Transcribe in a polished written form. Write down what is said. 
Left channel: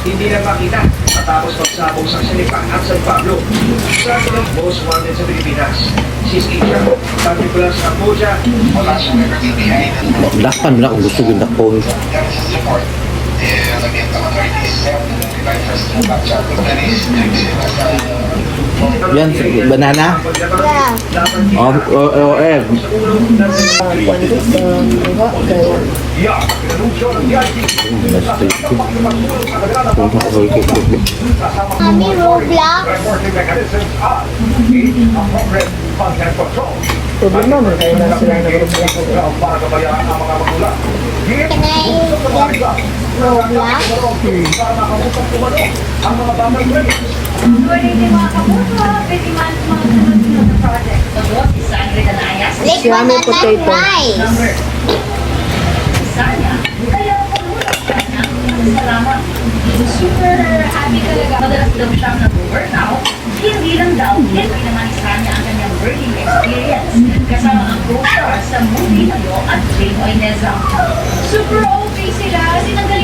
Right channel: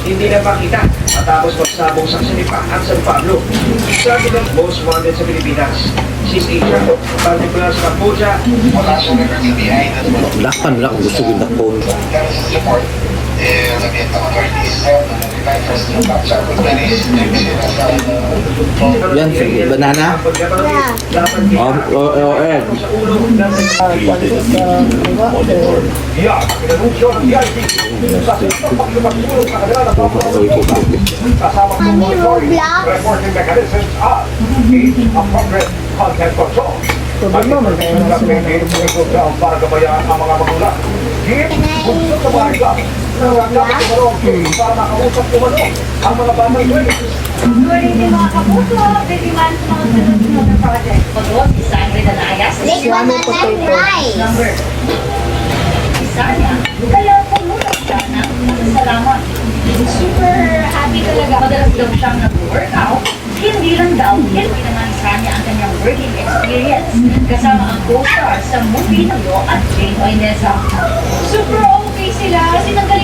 Hindi na makita matapos magsabong sa Sinipa at San Pablo. Isa sa mga most wanted sa Pilipinas. She's Asia, particular sa Cambodia. Lakpan lang kung gusto ganda po. Yan, banana? Oh, egg. Problema man kayo na sila nag-Roblox. Siyamo potato. Super happy talaga. Madalas daw siyang nag-workout. Hindi lang daw, pinangalisa niya ang kanyang working experience. Kasama ang co-star sa movie Yo at Jane Oinesa. Super okay sila. Sinanggal